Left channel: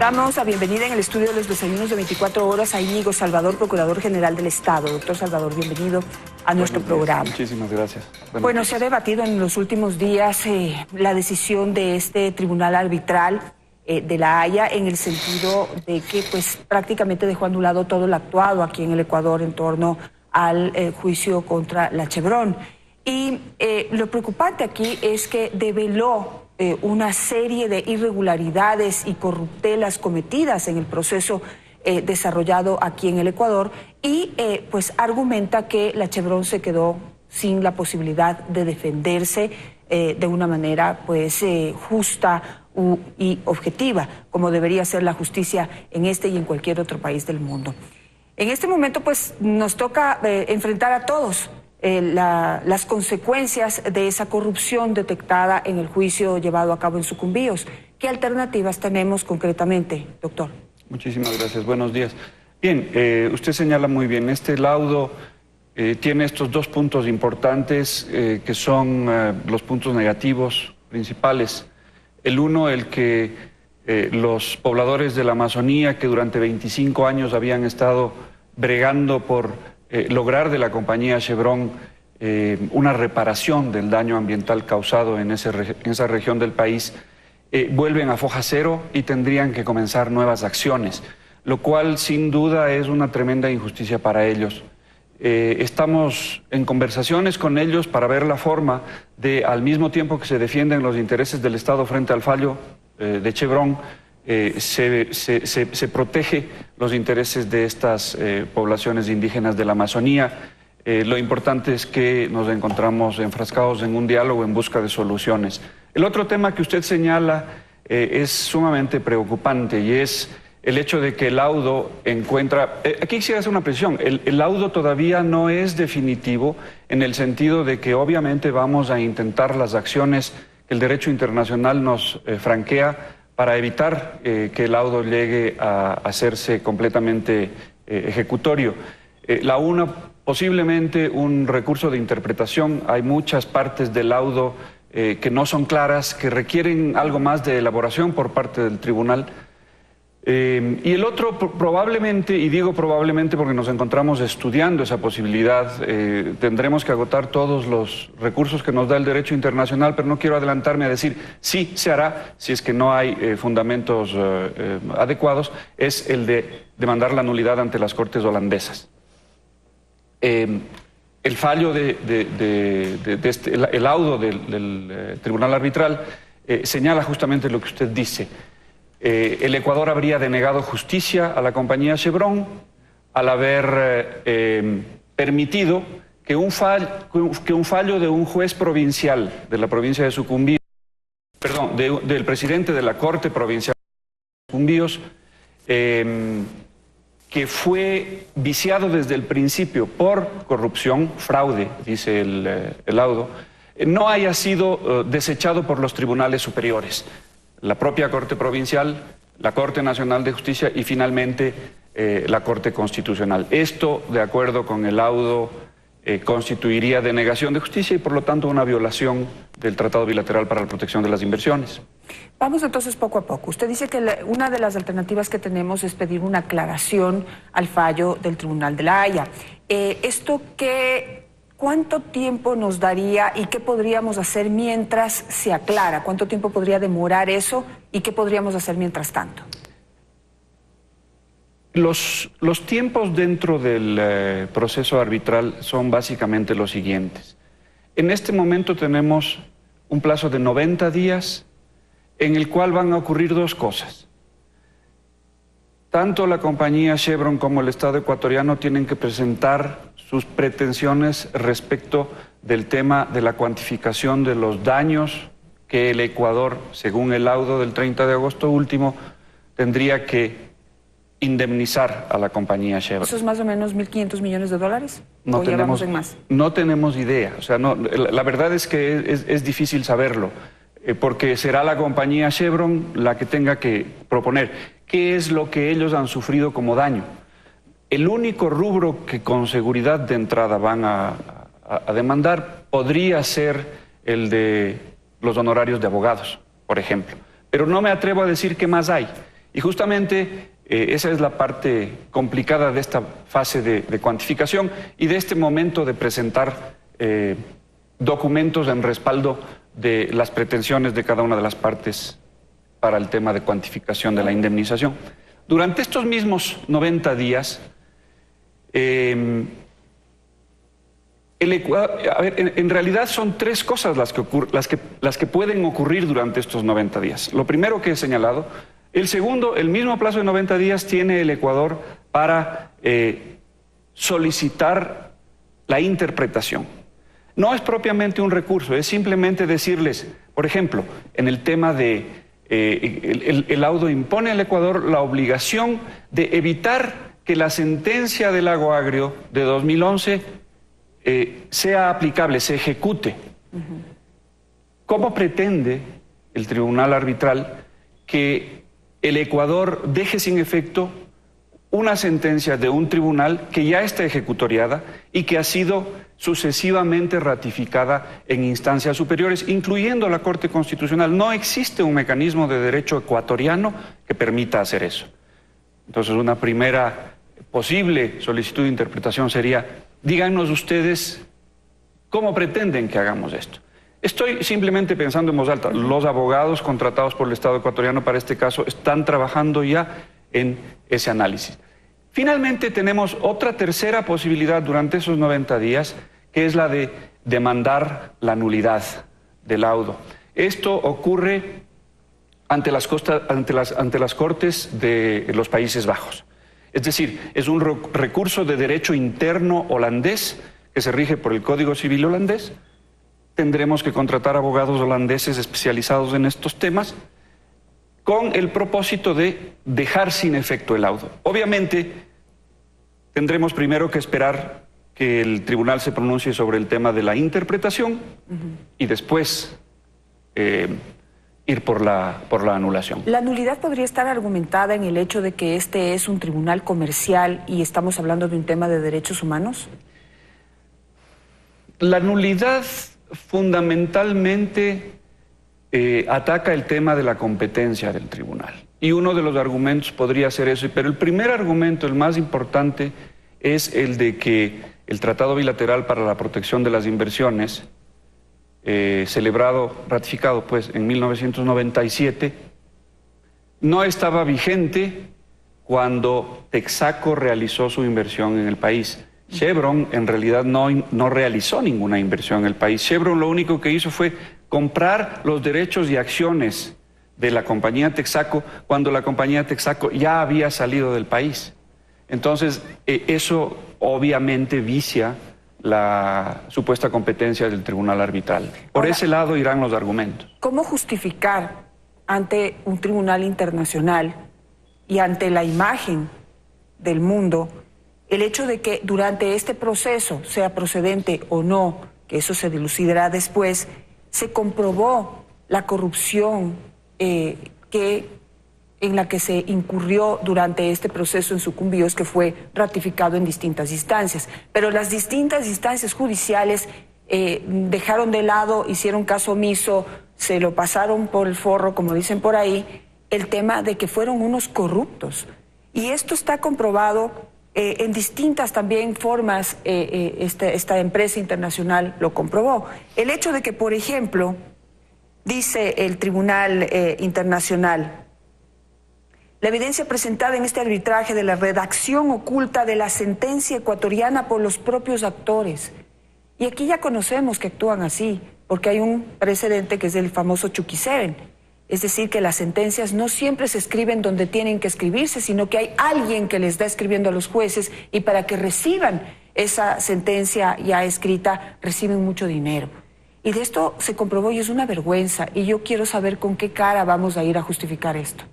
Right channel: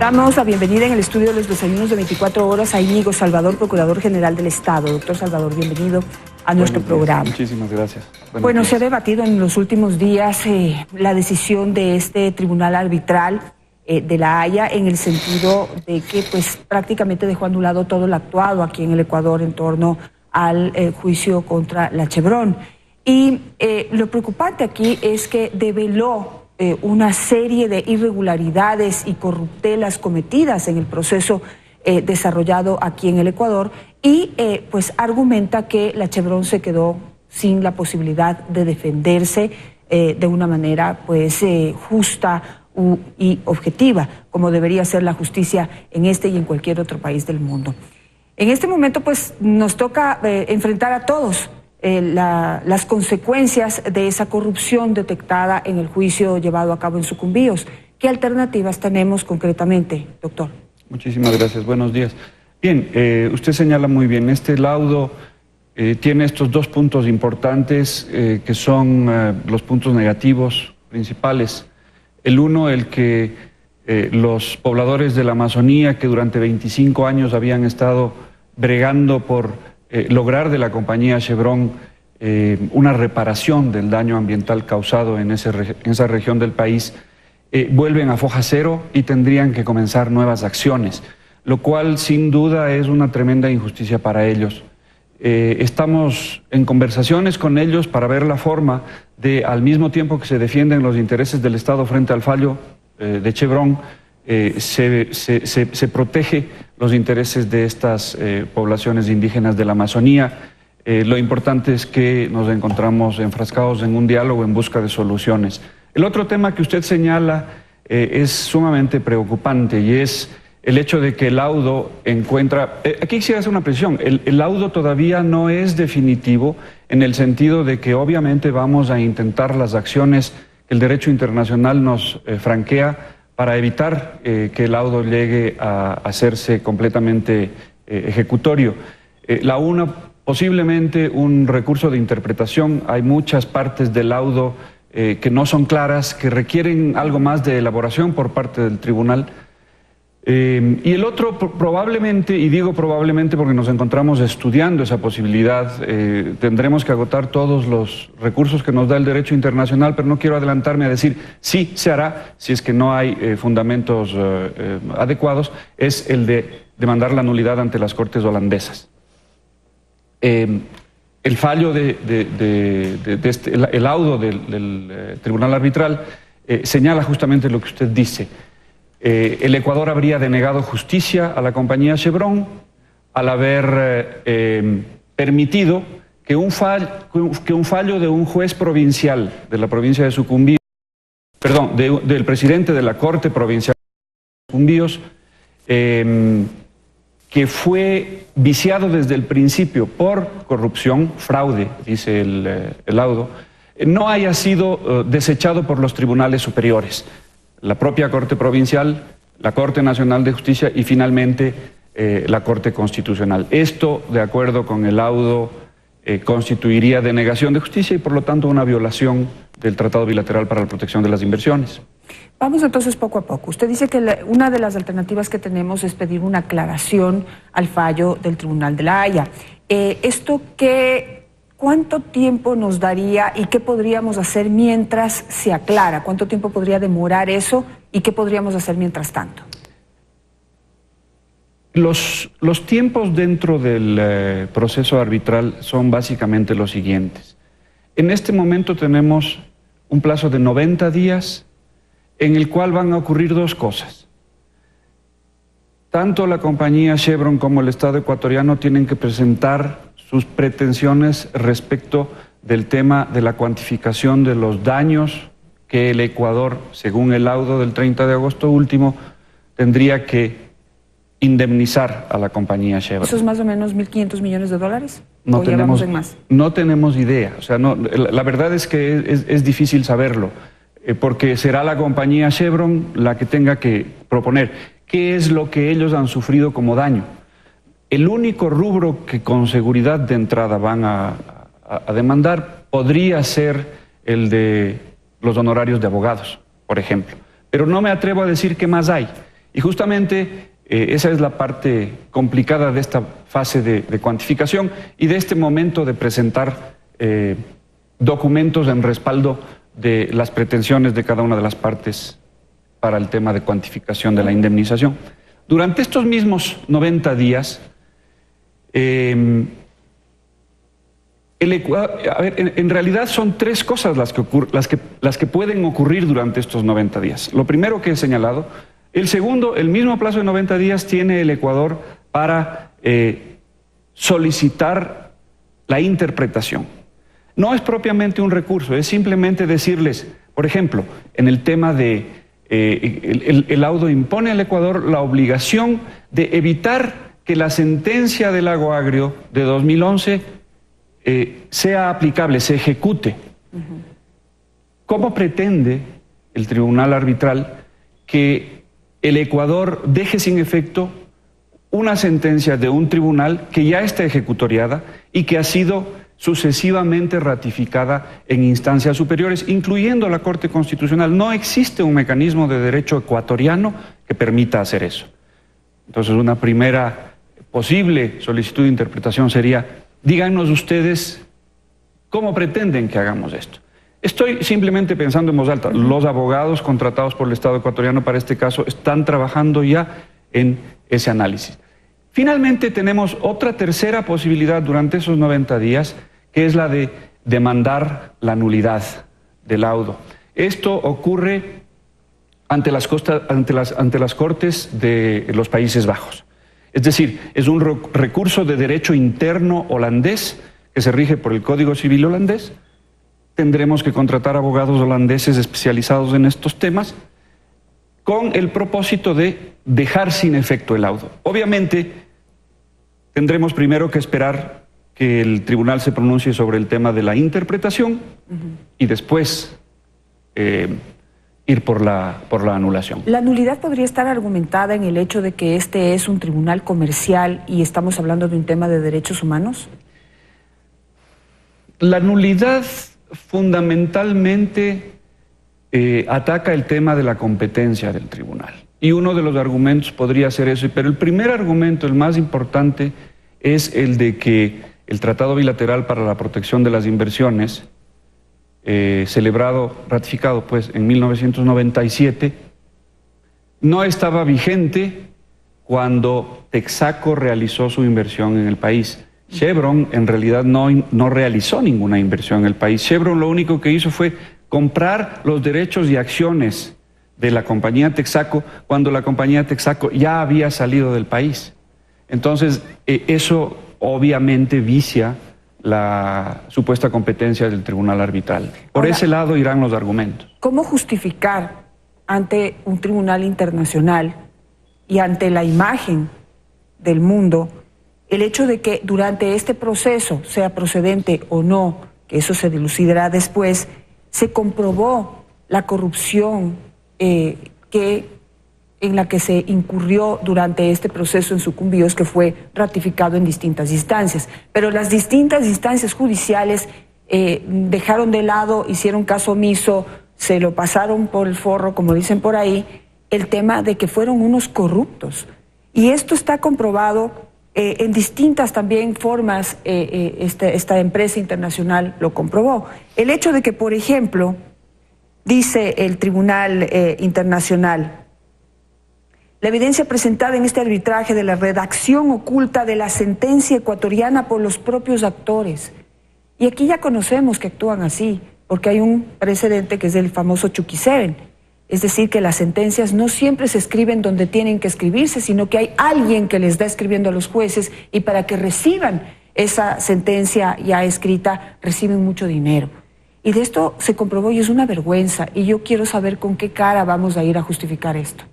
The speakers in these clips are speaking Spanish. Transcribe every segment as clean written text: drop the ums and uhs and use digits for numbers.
Damos la bienvenida en el estudio de los desayunos de 24 horas a Íñigo Salvador, Procurador General del Estado. Doctor Salvador, bienvenido a nuestro programa. Muchísimas gracias. Bueno, se ha debatido en los últimos días la decisión de este tribunal arbitral de La Haya, en el sentido de que pues prácticamente dejó anulado todo lo actuado aquí en el Ecuador en torno al juicio contra la Chevron. Y lo preocupante aquí es que develó una serie de irregularidades y corruptelas cometidas en el proceso desarrollado aquí en el Ecuador y pues argumenta que la Chevron se quedó sin la posibilidad de defenderse de una manera pues justa y objetiva, como debería ser la justicia en este y en cualquier otro país del mundo. En este momento pues nos toca enfrentar a todos las consecuencias de esa corrupción detectada en el juicio llevado a cabo en Sucumbíos. ¿Qué alternativas tenemos concretamente, doctor? Muchísimas gracias. Buenos días. Bien, usted señala muy bien, este laudo tiene estos dos puntos importantes que son los puntos negativos principales. El uno, el que los pobladores de la Amazonía, que durante 25 años habían estado bregando por lograr de la compañía Chevron una reparación del daño ambiental causado en esa región del país, vuelven a foja cero y tendrían que comenzar nuevas acciones, lo cual sin duda es una tremenda injusticia para ellos. Estamos en conversaciones con ellos para ver la forma de, al mismo tiempo que se defienden los intereses del Estado frente al fallo de Chevron, se protege los intereses de estas poblaciones indígenas de la Amazonía. Lo importante es que nos encontramos enfrascados en un diálogo en busca de soluciones. El otro tema que usted señala es sumamente preocupante y es el hecho de que el laudo encuentra... aquí quisiera hacer una precisión. El laudo todavía no es definitivo en el sentido de que obviamente vamos a intentar las acciones que el derecho internacional nos franquea para evitar que el laudo llegue a hacerse completamente ejecutorio. La una, posiblemente un recurso de interpretación. Hay muchas partes del laudo que no son claras, que requieren algo más de elaboración por parte del tribunal. Y el otro, probablemente, y digo probablemente porque nos encontramos estudiando esa posibilidad, tendremos que agotar todos los recursos que nos da el derecho internacional, pero no quiero adelantarme a decir sí se hará si es que no hay fundamentos adecuados, es el de demandar la nulidad ante las Cortes holandesas. El fallo el laudo del Tribunal Arbitral señala justamente lo que usted dice. El Ecuador habría denegado justicia a la compañía Chevron al haber permitido que un fallo de un juez provincial de la provincia de Sucumbíos, perdón, del presidente de la Corte Provincial de Sucumbíos, que fue viciado desde el principio por corrupción, fraude, dice el laudo, no haya sido desechado por los tribunales superiores. La propia Corte Provincial, la Corte Nacional de Justicia y finalmente la Corte Constitucional. Esto, de acuerdo con el laudo, constituiría denegación de justicia y por lo tanto una violación del Tratado Bilateral para la Protección de las Inversiones. Vamos entonces poco a poco. Usted dice que una de las alternativas que tenemos es pedir una aclaración al fallo del Tribunal de La Haya. ¿Cuánto tiempo nos daría y qué podríamos hacer mientras se aclara? ¿Cuánto tiempo podría demorar eso y qué podríamos hacer mientras tanto? Los tiempos dentro del proceso arbitral son básicamente los siguientes. En este momento tenemos un plazo de 90 días en el cual van a ocurrir dos cosas. Tanto la compañía Chevron como el Estado ecuatoriano tienen que presentar sus pretensiones respecto del tema de la cuantificación de los daños que el Ecuador, según el laudo del 30 de agosto último, tendría que indemnizar a la compañía Chevron. ¿Eso es más o menos 1.500 millones de dólares? No tenemos, en más? No tenemos idea. O sea, la verdad es que es difícil saberlo, porque será la compañía Chevron la que tenga que proponer qué es lo que ellos han sufrido como daño. El único rubro que con seguridad de entrada van a demandar podría ser el de los honorarios de abogados, por ejemplo. Pero no me atrevo a decir qué más hay. Y justamente esa es la parte complicada de esta fase de cuantificación y de este momento de presentar documentos en respaldo de las pretensiones de cada una de las partes para el tema de cuantificación de la indemnización. Durante estos mismos 90 días, en realidad son tres cosas las que pueden ocurrir durante estos 90 días. Lo primero que he señalado. El segundo, el mismo plazo de 90 días tiene el Ecuador para solicitar la interpretación. No es propiamente un recurso, es simplemente decirles, por ejemplo, en el tema de el laudo impone al Ecuador la obligación de evitar que la sentencia del Lago Agrio de 2011 sea aplicable, se ejecute. ¿Cómo pretende el tribunal arbitral que el Ecuador deje sin efecto una sentencia de un tribunal que ya está ejecutoriada y que ha sido sucesivamente ratificada en instancias superiores, incluyendo la Corte Constitucional? No existe un mecanismo de derecho ecuatoriano que permita hacer eso. Entonces, una primera posible solicitud de interpretación sería: díganos ustedes cómo pretenden que hagamos esto. Estoy simplemente pensando en voz alta. Los abogados contratados por el Estado ecuatoriano para este caso están trabajando ya en ese análisis. Finalmente tenemos otra tercera posibilidad durante esos 90 días, que es la de demandar la nulidad del laudo. Esto ocurre ante las Cortes de los Países Bajos. Es decir, es un recurso de derecho interno holandés que se rige por el Código Civil holandés. Tendremos que contratar abogados holandeses especializados en estos temas con el propósito de dejar sin efecto el laudo. Obviamente, tendremos primero que esperar que el tribunal se pronuncie sobre el tema de la interpretación y después ir por la anulación. ¿La nulidad podría estar argumentada en el hecho de que este es un tribunal comercial y estamos hablando de un tema de derechos humanos? La nulidad fundamentalmente ataca el tema de la competencia del tribunal. Y uno de los argumentos podría ser eso, pero el primer argumento, el más importante, es el de que el Tratado Bilateral para la Protección de las Inversiones, ratificado pues en 1997, no estaba vigente cuando Texaco realizó su inversión en el país. Chevron en realidad no realizó ninguna inversión en el país. Chevron lo único que hizo fue comprar los derechos y acciones de la compañía Texaco cuando la compañía Texaco ya había salido del país. Entonces, eso obviamente vicia la supuesta competencia del tribunal arbitral. Por ese lado irán los argumentos. ¿Cómo justificar ante un tribunal internacional y ante la imagen del mundo el hecho de que durante este proceso, sea procedente o no, que eso se dilucidará después, se comprobó la corrupción en la que se incurrió durante este proceso en Sucumbíos, que fue ratificado en distintas instancias? Pero las distintas instancias judiciales dejaron de lado, hicieron caso omiso, se lo pasaron por el forro, como dicen por ahí, el tema de que fueron unos corruptos. Y esto está comprobado en distintas también formas. Esta empresa internacional lo comprobó. El hecho de que, por ejemplo, dice el Tribunal Internacional: la evidencia presentada en este arbitraje de la redacción oculta de la sentencia ecuatoriana por los propios actores. Y aquí ya conocemos que actúan así, porque hay un precedente que es el famoso Chucky 7. Es decir, que las sentencias no siempre se escriben donde tienen que escribirse, sino que hay alguien que les da escribiendo a los jueces, y para que reciban esa sentencia ya escrita, reciben mucho dinero. Y de esto se comprobó y es una vergüenza. Y yo quiero saber con qué cara vamos a ir a justificar esto.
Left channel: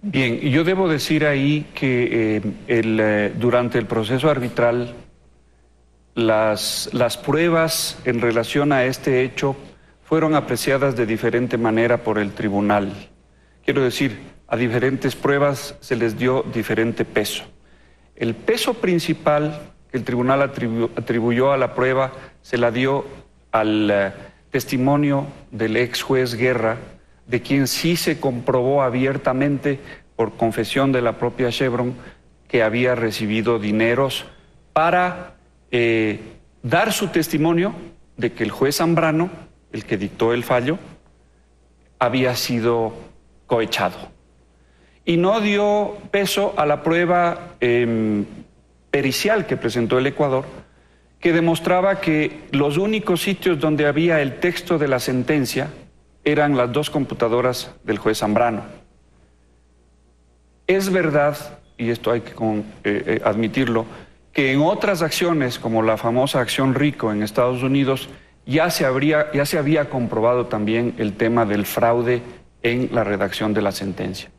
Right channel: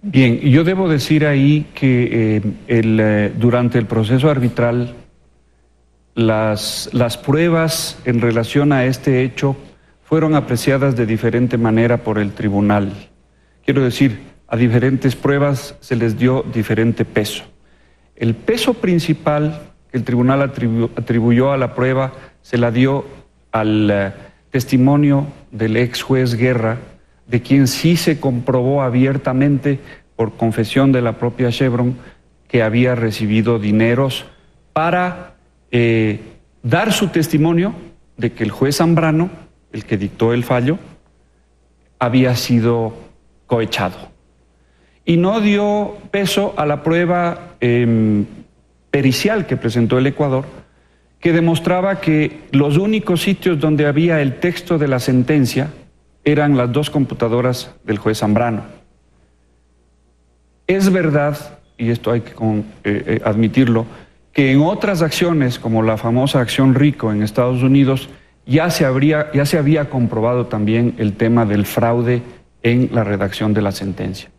Bien, yo debo decir ahí que durante el proceso arbitral, las pruebas en relación a este hecho fueron apreciadas de diferente manera por el tribunal. Quiero decir, a diferentes pruebas se les dio diferente peso. El peso principal que el tribunal atribuyó a la prueba se la dio al testimonio del ex juez Guerra, de quien sí se comprobó abiertamente, por confesión de la propia Chevron, que había recibido dineros para dar su testimonio de que el juez Zambrano, el que dictó el fallo, había sido cohechado. Y no dio peso a la prueba pericial que presentó el Ecuador, que demostraba que los únicos sitios donde había el texto de la sentencia eran las 2 computadoras del juez Zambrano. Es verdad, y esto hay que admitirlo, que en otras acciones, como la famosa acción RICO en Estados Unidos, ya se había comprobado también el tema del fraude en la redacción de la sentencia.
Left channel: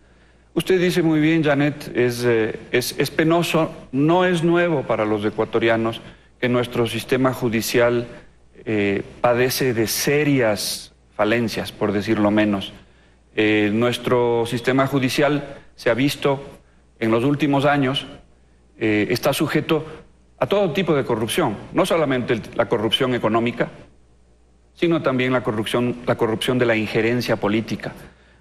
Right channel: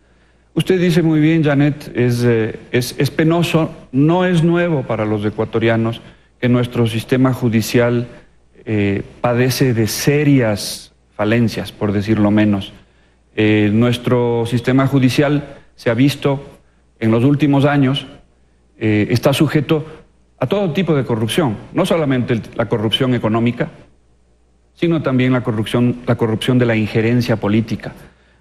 Usted dice muy bien, Janet, es penoso, no es nuevo para los ecuatorianos que nuestro sistema judicial padece de serias falencias, por decirlo menos. Nuestro sistema judicial se ha visto en los últimos años, está sujeto a todo tipo de corrupción, no solamente la corrupción económica, sino también la corrupción de la injerencia política.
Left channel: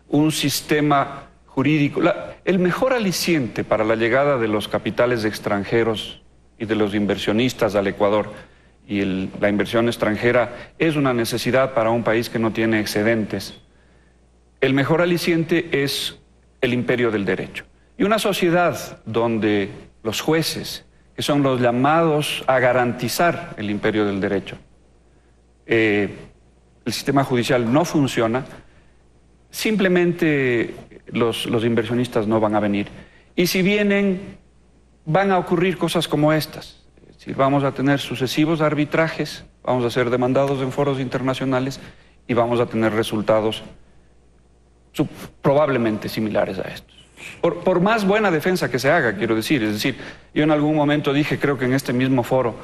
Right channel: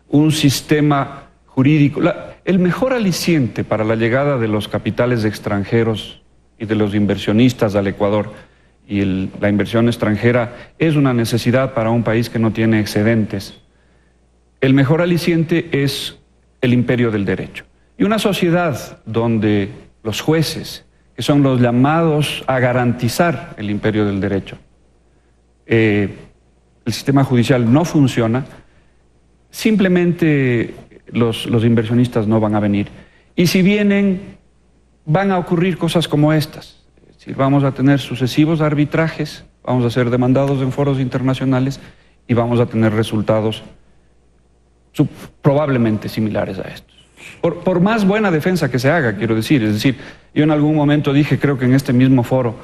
Un sistema jurídico, el mejor aliciente para la llegada de los capitales extranjeros y de los inversionistas al Ecuador, y la inversión extranjera es una necesidad para un país que no tiene excedentes. El mejor aliciente es el imperio del derecho. Y una sociedad donde los jueces, que son los llamados a garantizar el imperio del derecho, el sistema judicial no funciona, simplemente los inversionistas no van a venir. Y si vienen, van a ocurrir cosas como estas. Es decir, vamos a tener sucesivos arbitrajes, vamos a ser demandados en foros internacionales y vamos a tener resultados probablemente similares a estos. Por más buena defensa que se haga, quiero decir. Es decir, yo en algún momento dije, creo que en este mismo foro,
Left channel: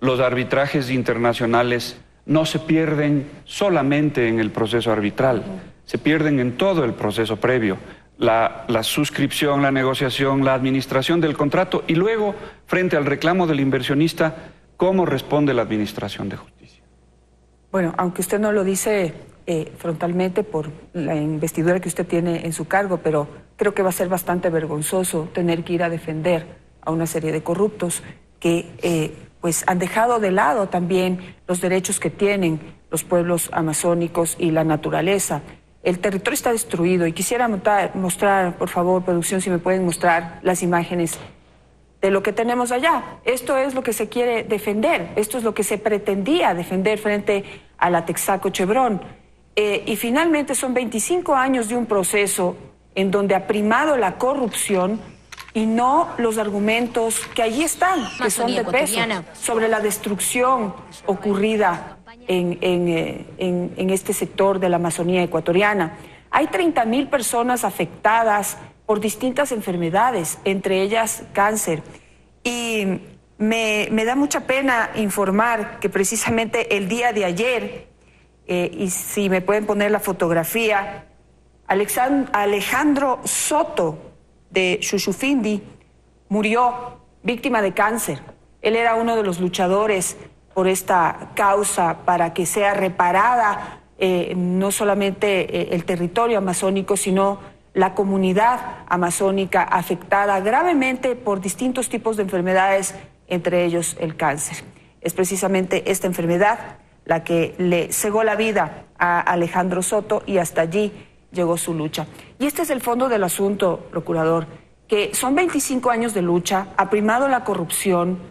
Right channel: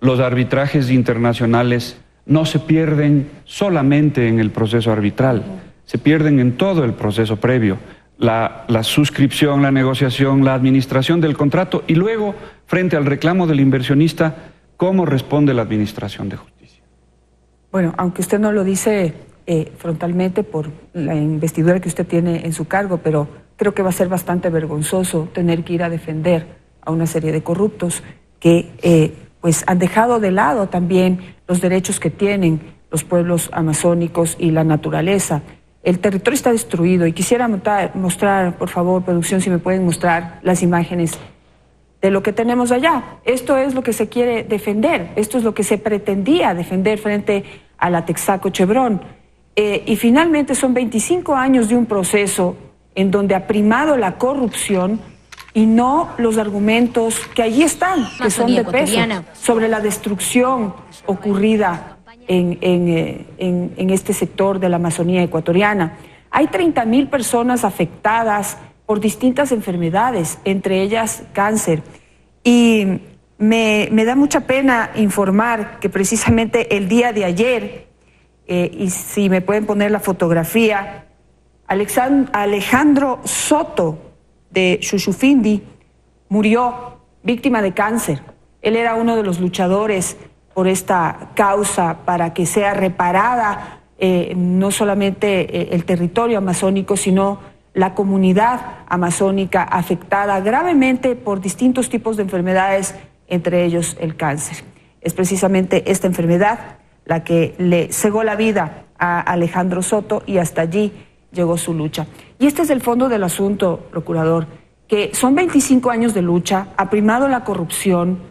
los arbitrajes internacionales no se pierden solamente en el proceso arbitral, se pierden en todo el proceso previo. La suscripción, la negociación, la administración del contrato y luego, frente al reclamo del inversionista, cómo responde la administración de justicia. Bueno, aunque usted no lo dice frontalmente por la investidura que usted tiene en su cargo, pero creo que va a ser bastante vergonzoso tener que ir a defender a una serie de corruptos que pues han dejado de lado también los derechos que tienen los pueblos amazónicos y la naturaleza. El territorio está destruido y quisiera mostrar, por favor, producción, si me pueden mostrar las imágenes de lo que tenemos allá. Esto es lo que se quiere defender, esto es lo que se pretendía defender frente a la Texaco Chevron. Y finalmente son 25 años de un proceso en donde ha primado la corrupción y no los argumentos que allí están, que son de peso, sobre la destrucción ocurrida en este sector de la Amazonía ecuatoriana. Hay 30.000 personas afectadas por distintas enfermedades, entre ellas cáncer. Y me da mucha pena informar que precisamente el día de ayer, y si me pueden poner la fotografía, Alejandro Soto de Shushufindi murió víctima de cáncer. Él era uno de los luchadores por esta causa para que sea reparada no solamente el territorio amazónico, sino la comunidad amazónica afectada gravemente por distintos tipos de enfermedades, entre ellos el cáncer. Es precisamente esta enfermedad la que le cegó la vida a Alejandro Soto y hasta allí llegó su lucha. Y este es el fondo del asunto, procurador, que son 25 años de lucha, ha primado la corrupción.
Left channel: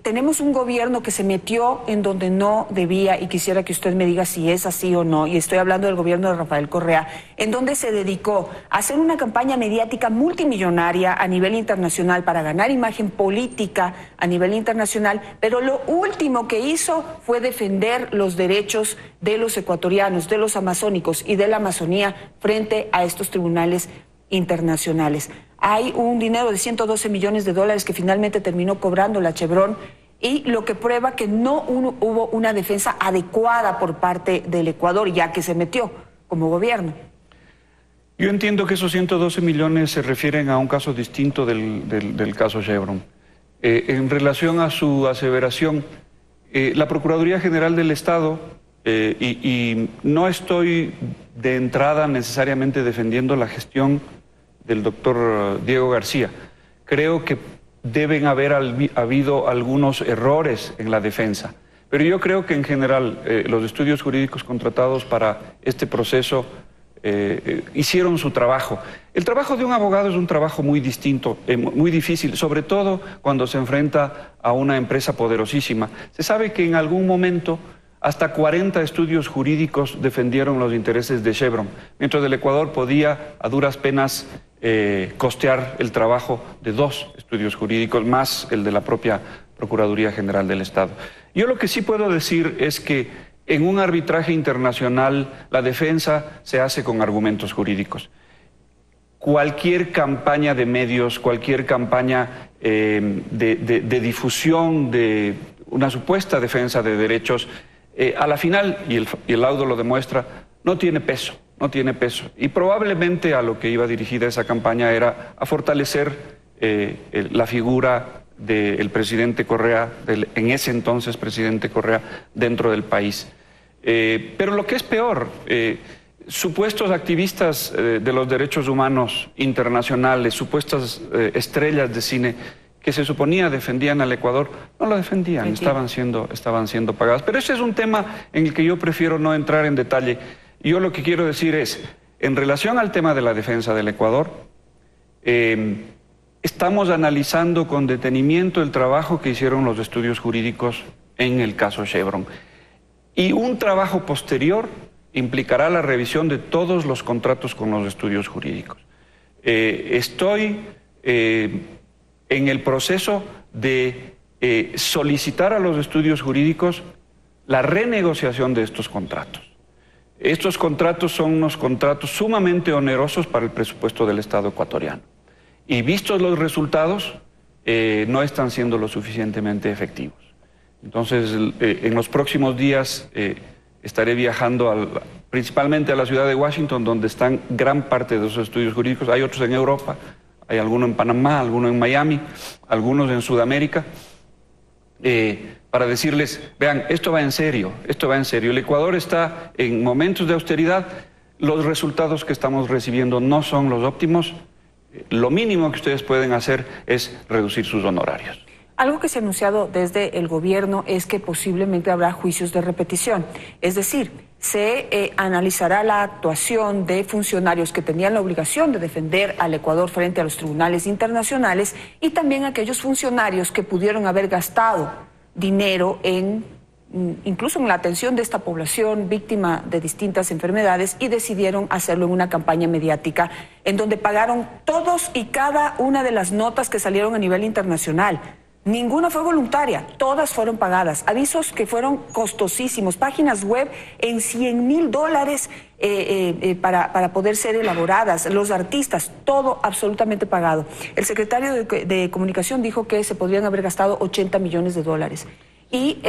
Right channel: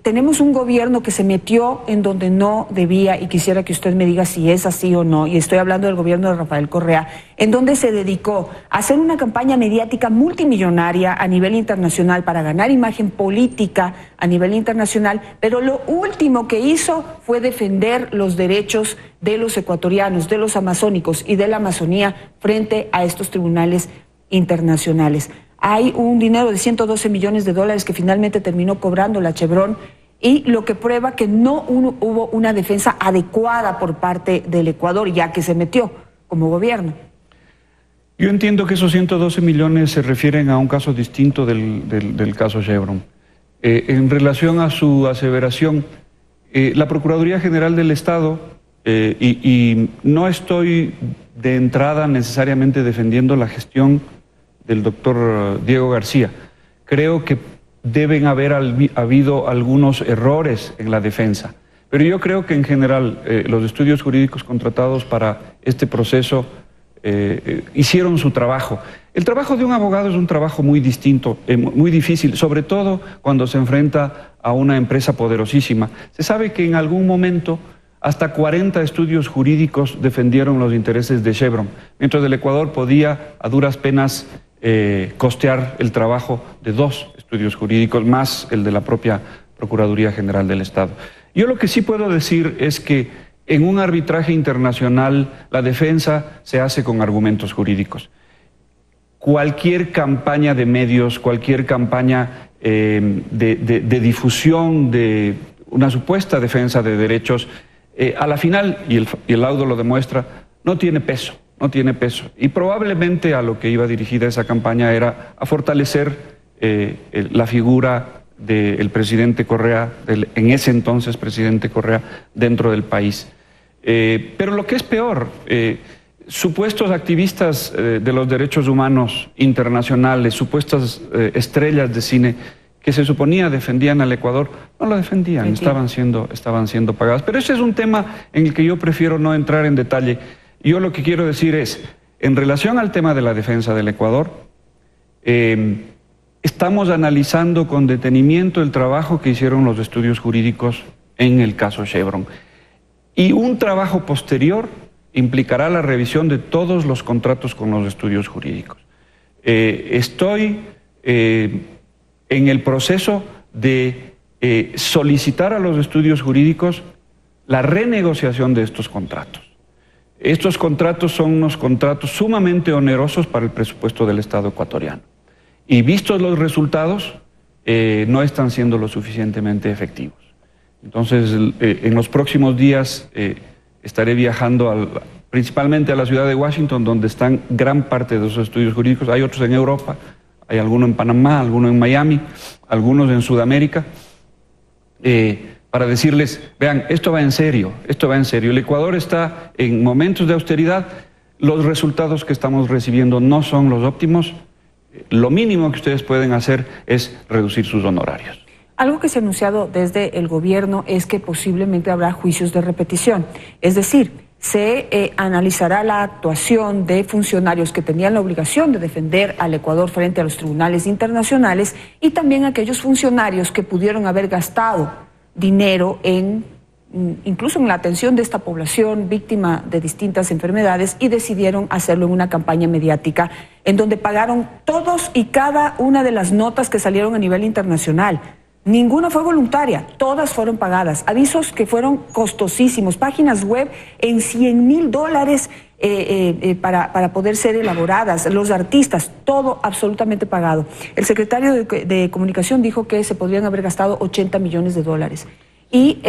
Tenemos un gobierno que se metió en donde no debía, y quisiera que usted me diga si es así o no, y estoy hablando del gobierno de Rafael Correa, en donde se dedicó a hacer una campaña mediática multimillonaria a nivel internacional para ganar imagen política a nivel internacional, pero lo último que hizo fue defender los derechos de los ecuatorianos, de los amazónicos y de la Amazonía frente a estos tribunales internacionales. Hay un dinero de $112 millones que finalmente terminó cobrando la Chevron, y lo que prueba que no hubo una defensa adecuada por parte del Ecuador, ya que se metió como gobierno. Yo entiendo que esos 112 millones se refieren a un caso distinto del caso Chevron. En relación a su aseveración, la Procuraduría General del Estado, y no estoy de entrada necesariamente defendiendo la gestión del doctor Diego García. Creo que deben haber habido algunos errores en la defensa, pero yo creo que en general los estudios jurídicos contratados para este proceso hicieron su trabajo. El trabajo de un abogado es un trabajo muy distinto, muy difícil, sobre todo cuando se enfrenta a una empresa poderosísima. Se sabe que en algún momento hasta 40 estudios jurídicos defendieron los intereses de Chevron, mientras el Ecuador podía a duras penas costear el trabajo de 2 estudios jurídicos, más el de la propia Procuraduría General del Estado. Yo lo que sí puedo decir es que en un arbitraje internacional la defensa se hace con argumentos jurídicos. Cualquier campaña de medios, cualquier campaña de difusión de una supuesta defensa de derechos, a la final, y el laudo lo demuestra, no tiene peso. No tiene peso. Y probablemente a lo que iba dirigida esa campaña era a fortalecer la figura del presidente Correa, en ese entonces presidente Correa, dentro del país. Pero lo que es peor, supuestos activistas de los derechos humanos internacionales, supuestas estrellas de cine que se suponía defendían al Ecuador, no lo defendían, estaban siendo pagadas. Pero ese es un tema en el que yo prefiero no entrar en detalle. Yo lo que quiero decir es, en relación al tema de la defensa del Ecuador, estamos analizando con detenimiento el trabajo que hicieron los estudios jurídicos en el caso Chevron. Y un trabajo posterior implicará la revisión de todos los contratos con los estudios jurídicos. Estoy en el proceso de solicitar a los estudios jurídicos la renegociación de estos contratos. Estos contratos son unos contratos sumamente onerosos para el presupuesto del Estado ecuatoriano. Y vistos los resultados, no están siendo lo suficientemente efectivos. Entonces, en los próximos días estaré viajando principalmente a la ciudad de Washington, donde están gran parte de esos estudios jurídicos. Hay otros en Europa, hay algunos en Panamá, algunos en Miami, algunos en Sudamérica. Para decirles, vean, esto va en serio, El Ecuador está en momentos de austeridad, los resultados que estamos recibiendo no son los óptimos, lo mínimo que ustedes pueden hacer es reducir sus honorarios. Algo que se ha anunciado desde el gobierno es que posiblemente habrá juicios de repetición, es decir, se analizará la actuación de funcionarios que tenían la obligación de defender al Ecuador frente a los tribunales internacionales y también aquellos funcionarios que pudieron haber gastado dinero incluso en la atención de esta población víctima de distintas enfermedades y decidieron hacerlo en una campaña mediática en donde pagaron todos y cada una de las notas que salieron a nivel internacional. Ninguna fue voluntaria, todas fueron pagadas. Avisos que fueron costosísimos, páginas web en $100,000 para poder ser elaboradas, los artistas, todo absolutamente pagado. El secretario de Comunicación dijo que se podrían haber gastado $80 millones. Y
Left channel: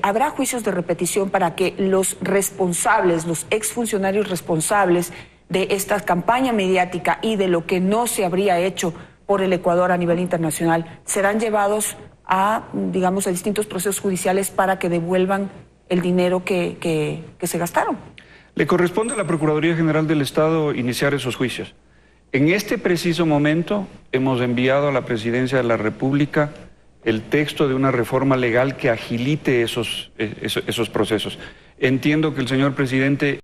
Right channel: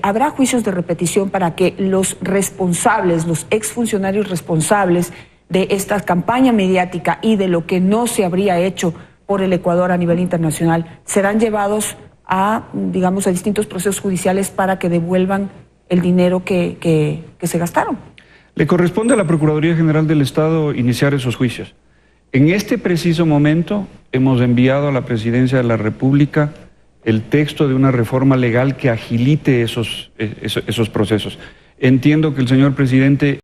habrá juicios de repetición para que los responsables, los exfuncionarios responsables de esta campaña mediática y de lo que no se habría hecho por el Ecuador a nivel internacional, serán llevados a distintos procesos judiciales para que devuelvan el dinero que se gastaron. Le corresponde a la Procuraduría General del Estado iniciar esos juicios. En este preciso momento hemos enviado a la Presidencia de la República el texto de una reforma legal que agilite esos procesos. Entiendo que el señor presidente